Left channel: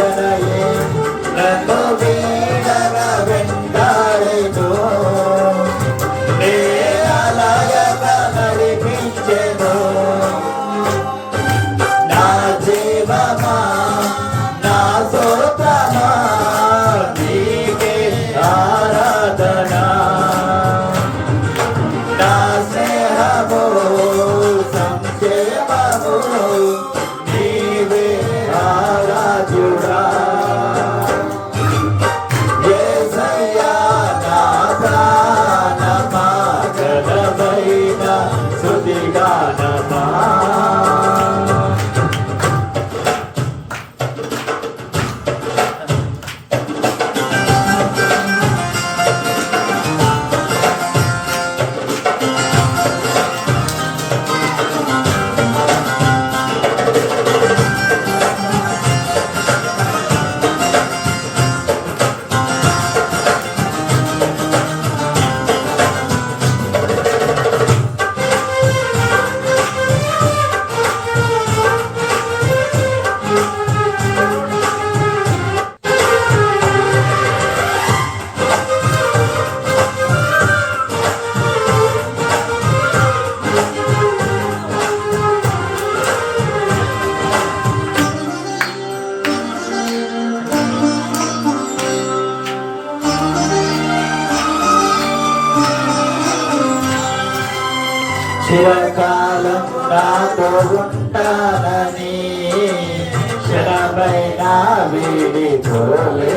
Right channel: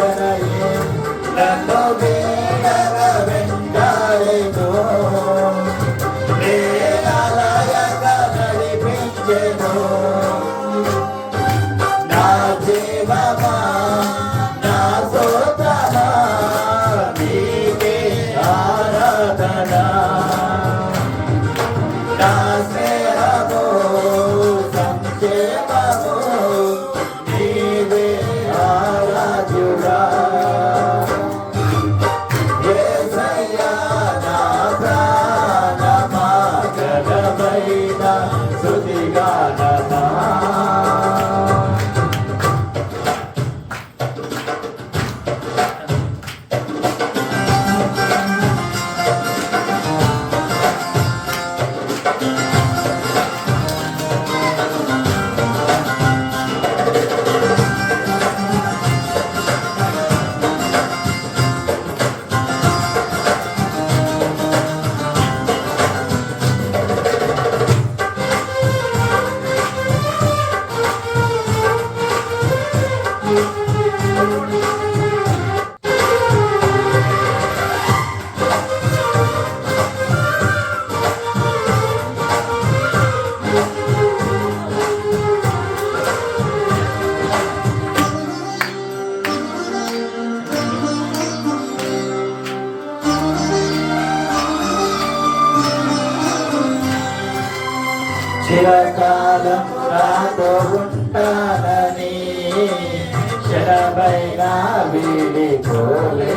জানাই না చిరకాలం నాతో ఉంటానని క్షణమైన వీడిపోలేదని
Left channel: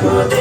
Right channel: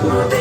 Saturday.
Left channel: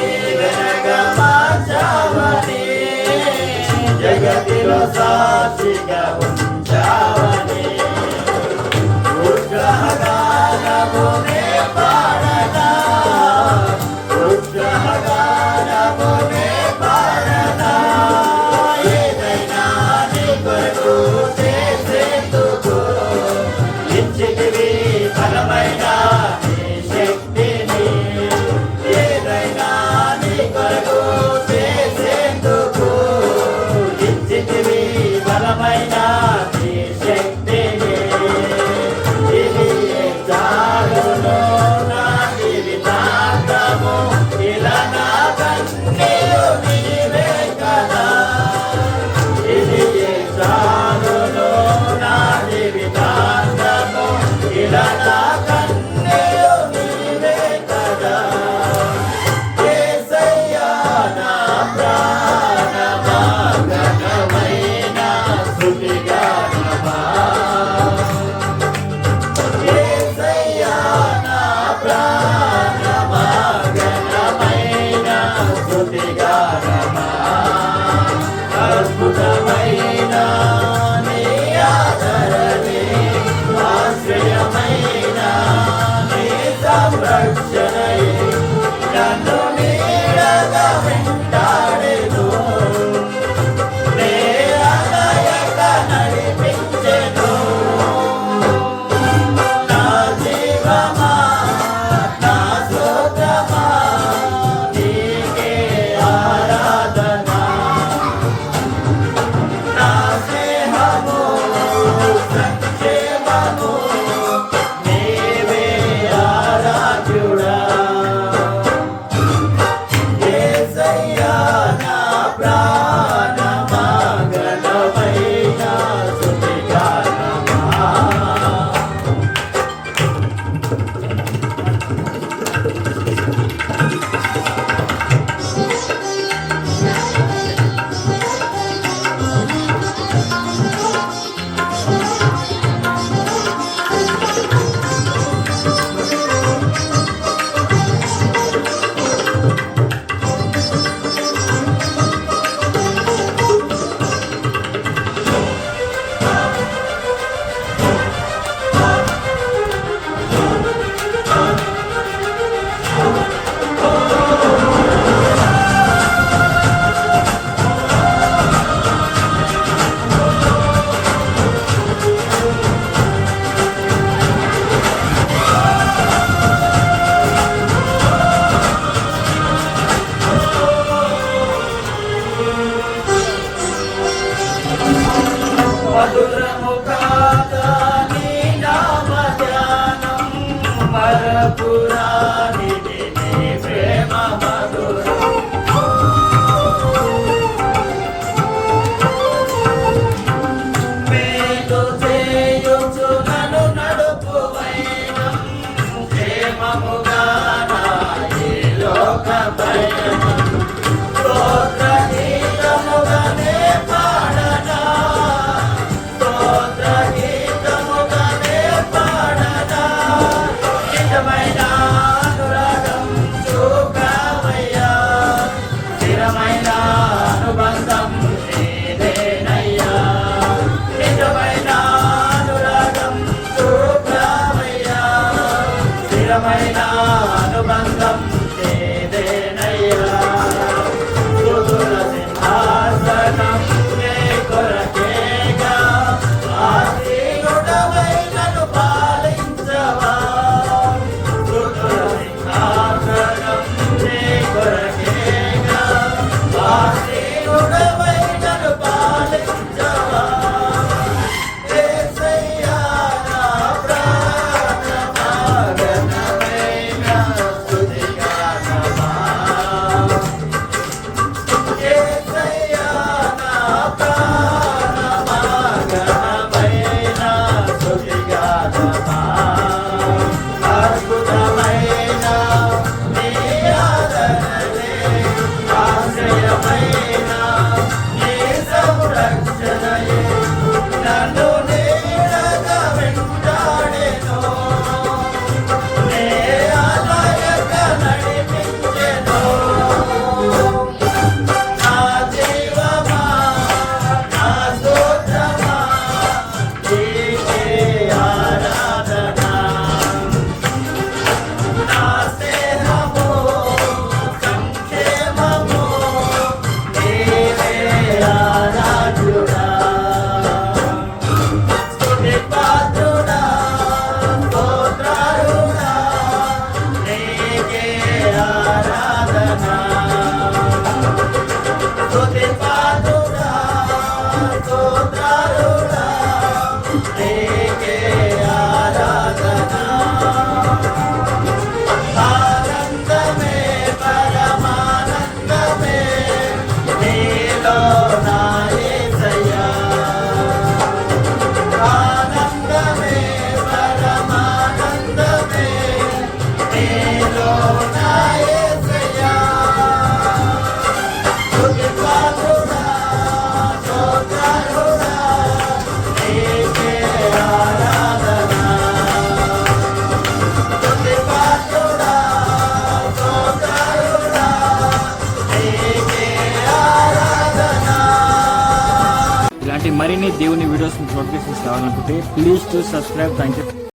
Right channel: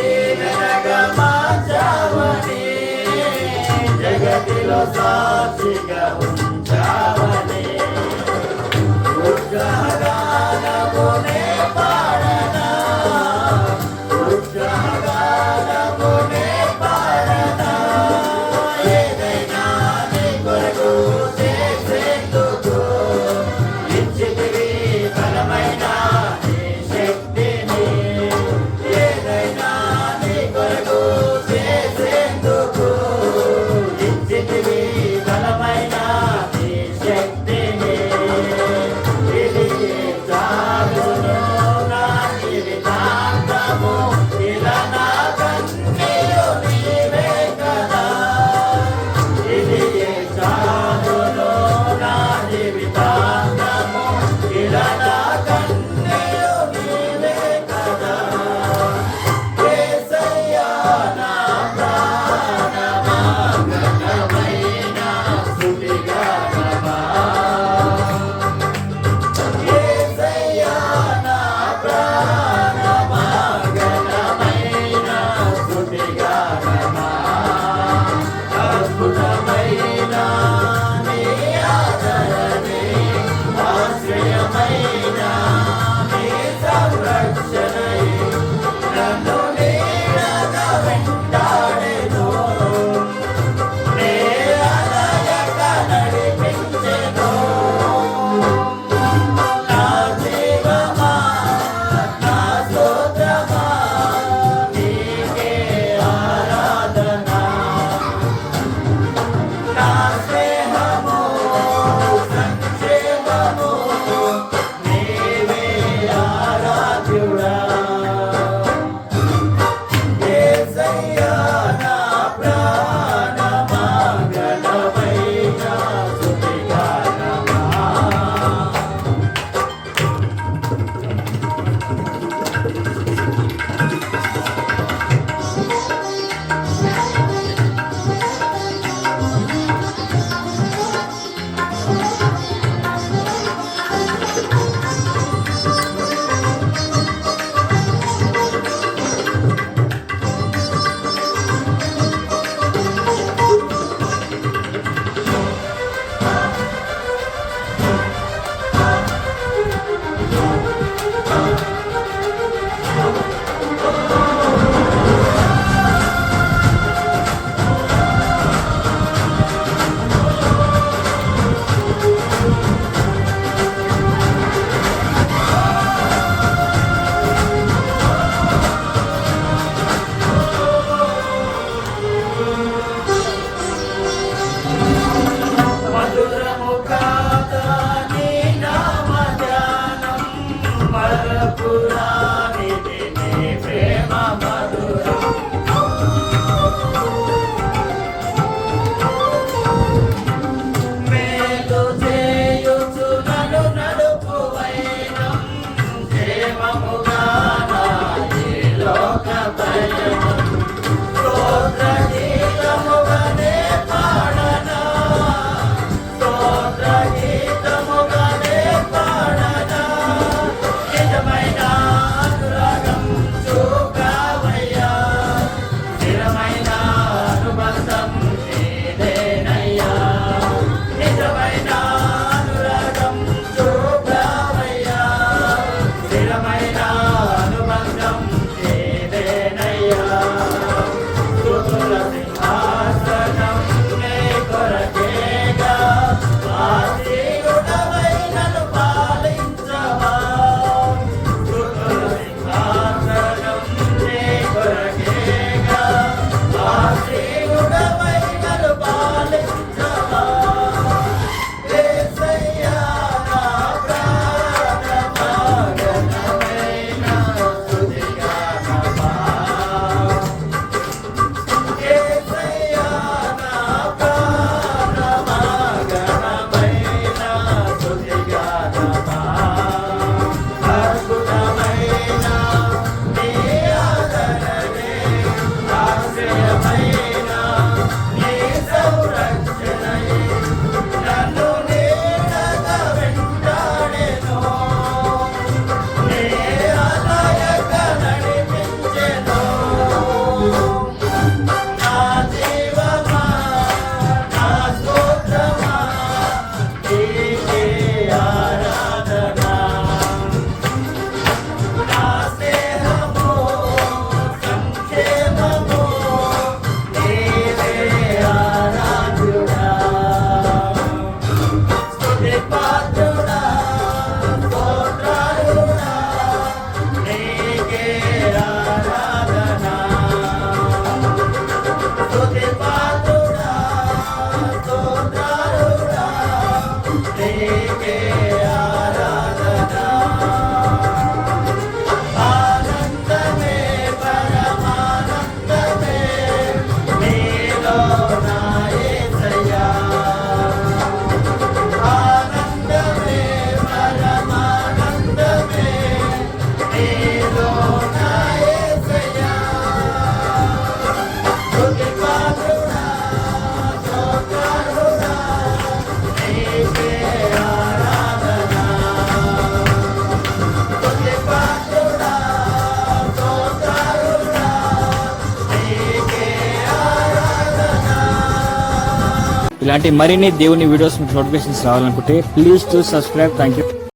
ఇలాంటి మరిన్ని దేవుని వీడియోస్ నోటిఫికేషన్స్ రావాలనుకుంటే please to subscribe thank you